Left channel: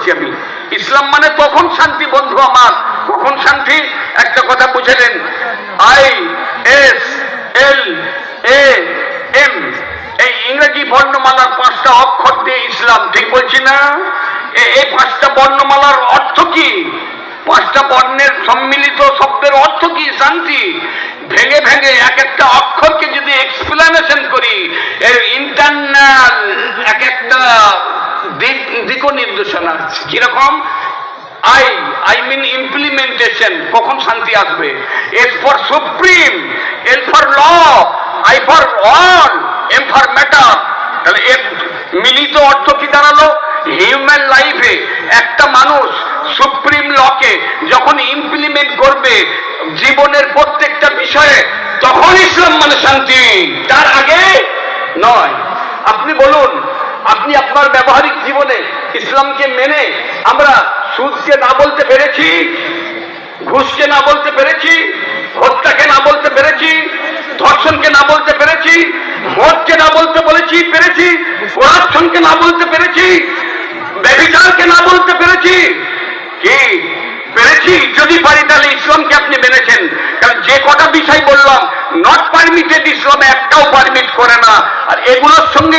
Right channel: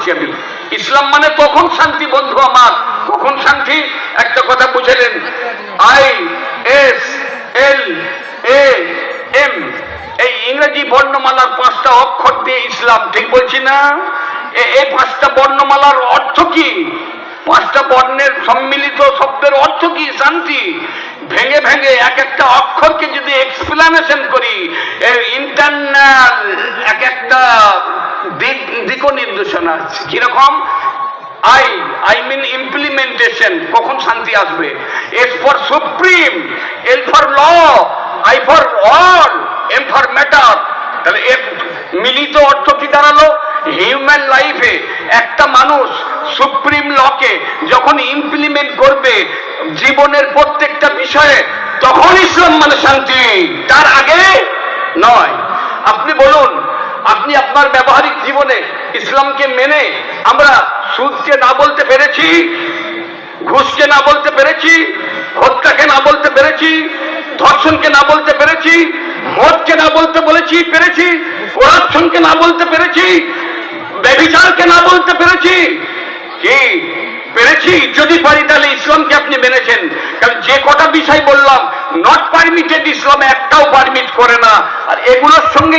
বলছি আমি। ইসলাম মানে কখন শান্তি বন্ধু আমার, কখন শান্তি? একটা কথা বুঝলেন, ISLAM এই ইংরেজি বর্ণমালার 5টা অক্ষর দিয়ে ইসলাম, ঠিক বলছি না? এই 5টা বর্ণমালার অর্থ কি? 5টা বর্ণের সম্মিলিত শব্দের অর্থ কি? শান্তি। ভেঙে ভেঙে এক একটা অক্ষরকে যদি এক্সপ্লেনেশন করি, এর ইন্টারনাল এক একটা দিক নির্দেশনা আছে। কিরকম? I mean implementation, কখন শান্তি আসবে? S for supreme, L for law, I for all, M for matter। তাহলে এর মিলিত অর্থ কি দাঁড়ালো? হিউম্যান লাইফে একটা মানুষ সুপ্রিম লকে যখন ইমপ্লিমেন্ট করবে জীবনের প্রত্যেকটা বিষয়ে, তখন ইসলাম মানে শান্তি, তার আগে নয়। আপনি বলুন, আপনি আপনার ব্যবহারিক জীবনে ইসলামকে মেনে আমরা সুদকে না বলতে পেরেছি, ঘুষকে না বলতে পেরেছি, হত্যাকে না বলতে পেরেছি, ধর্ষণকে না বলতে পেরেছি, মদকে না বলতে পেরেছি, কোরাপশনকে না বলতে পেরেছি, ব্যভিচারকে না বলতে পেরেছি? কি পেরেছি? যদি পারি তাহলে ইসলামকে আপনি মেনেছেন। কারণ যে কটা বিষয় বললাম নট পারমিটেড, ইসলাম একটাও পারমিট করে না। আর এগুলোর সঙ্গে